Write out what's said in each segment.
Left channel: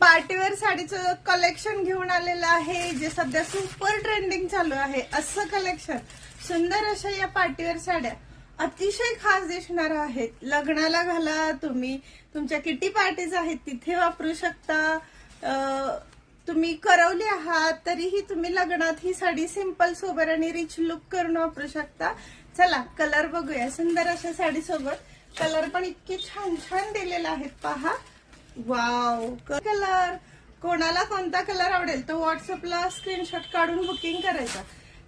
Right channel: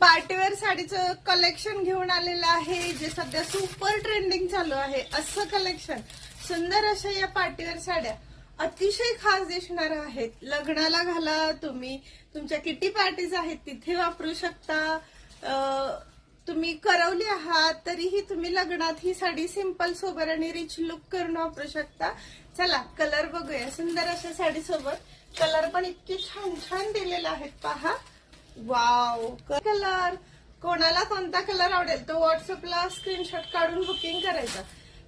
Party wear साडीचं collection घेऊन आलेलं आहे, जे सध्या सुपर ट्रेंडिंग चालू आहे. असं कलेक्शन सुंदर अशा या पार्टीवेअर साड्या अतिशय खास दिसणार आहेत. लग्नाला घाला तुम्ही, तुमच्या किटी पार्टीज आहेत तिथे वापरू शकता. तुम्ही करवली आहात तरीही तुम्ही लग्नात ही साडी सिंपल सोबर आणि रिच लुक करून वापरू शकता. चला कलर बघूया. सुंदर अशा साडी सोबत कलर पण इतके छान छान दिलेले आहेत. पहा, वाव कलर. कोणाला कोणता कलर आवडेल तो व्हॉट्सअपला स्क्रीनशॉट काढून बुकिंग करायचा.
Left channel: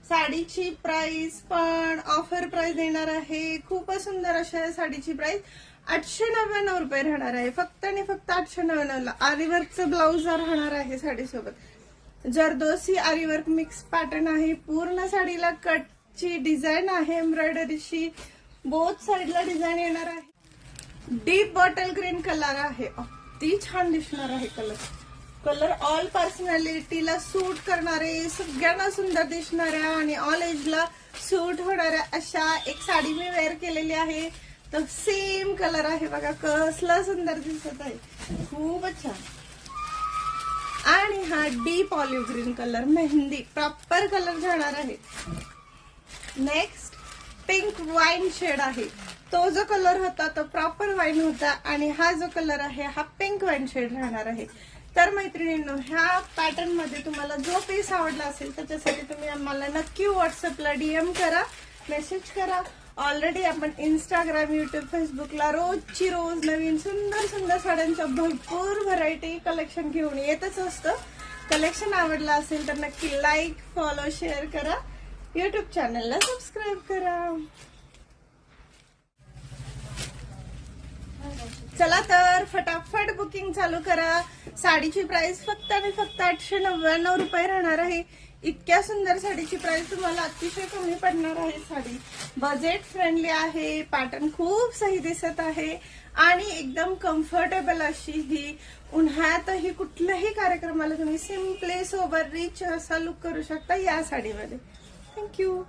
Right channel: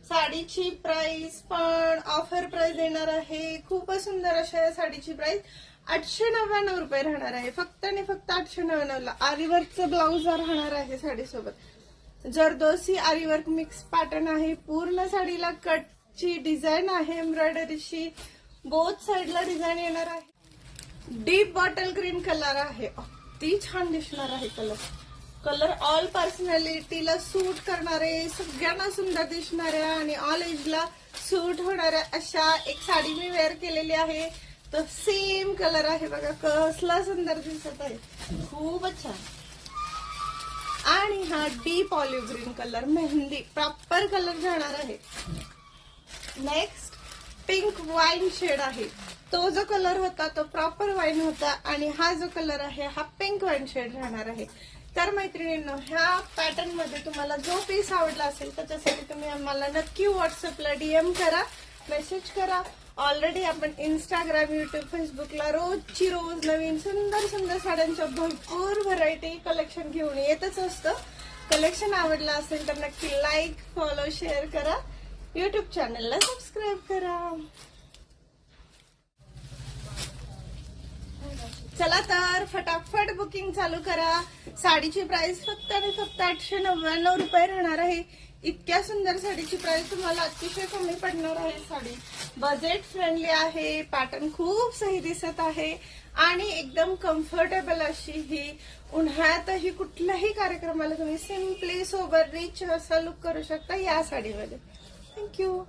साडीची प्राइस पण ऑफर प्राइस देणार आहे. खूपच सुंदर अशा या साडीची प्राइस 899 रुपये राहणार आहे. फक्त आणि फक्त 899 ला. आरीवर्कचं ब्लाऊज राहणार आहे साडीसोबत. जरदोसी आरीवर्क मिक्स पॅटर्न आहे. पूर्ण साडीला कटची डिझाईन आहे एम्ब्रॉयडरीची. बोथ साईडला डिझाईन येणार आहे. डीप बॉटल ग्रीन कलर आहे. अति छान दिसणार आहे कलर ऑल पर्सनॅलिटीला सूट करणारे, सगळ्यांना सुंदर दिसणाऱ्या आणि ऑल एजला सूट होणाऱ्या अशा एक साडी मी वेअर केलेली आहे. तर सेम कलर आहे बघा, कसला सुंदर दिसत आहे. खूपच छान. आणि हा deep olive green colour mehndi proper colour जाणार आहे. नेक्स्ट पिंक वाईन शेड आहे. तो जो कलर होता तो प्रॉपर वाईन होता आणि हा जो कलर आहे हा पिंक वाईन शेड राहणार आहे. तर मैत्रिणींनो, ह्या पॅटर्न मध्ये तुम्हाला जो पीस आवडला असेल त्याच्यासाठी तुम्ही आम्हाला नक्की व्हॉट्सअपला डीएम करा, मेसेज करा. ऑलरेडी आपण इंस्टाग्राम, युट्यूब, फेसबुकला रोजची रोज नवीन सुंदर सुंदर साड्यांच्या भरपूर व्हरायटी कलेक्शन घेऊन येतच असतं. कलेक्शन आवडलं असेल तर नक्की लाईक, फॉलो, शेअर करा. युट्यूब चॅनलला सबस्क्राईब करा. चला तर फटाफट बुकिंग चालू करा. साडीची प्राइस फक्त आणि फक्त 899 रुपये राहणार आहे. इतक्या सुंदर साडीची प्राइस तुम्हाला अतिशय कमी पडणार आहे. साडी बजेट फ्रेंडली आहे, पॅटर्न खूप सही दिसत आहे आणि एकदम कम्फर्टेबल अशी ही. उन्हाळ्यातही कुठल्याही कार्यक्रमाला तुम्ही सिम्पली सोबर रिच असा लुक करू शकता या साडीमध्ये. थँक्यू.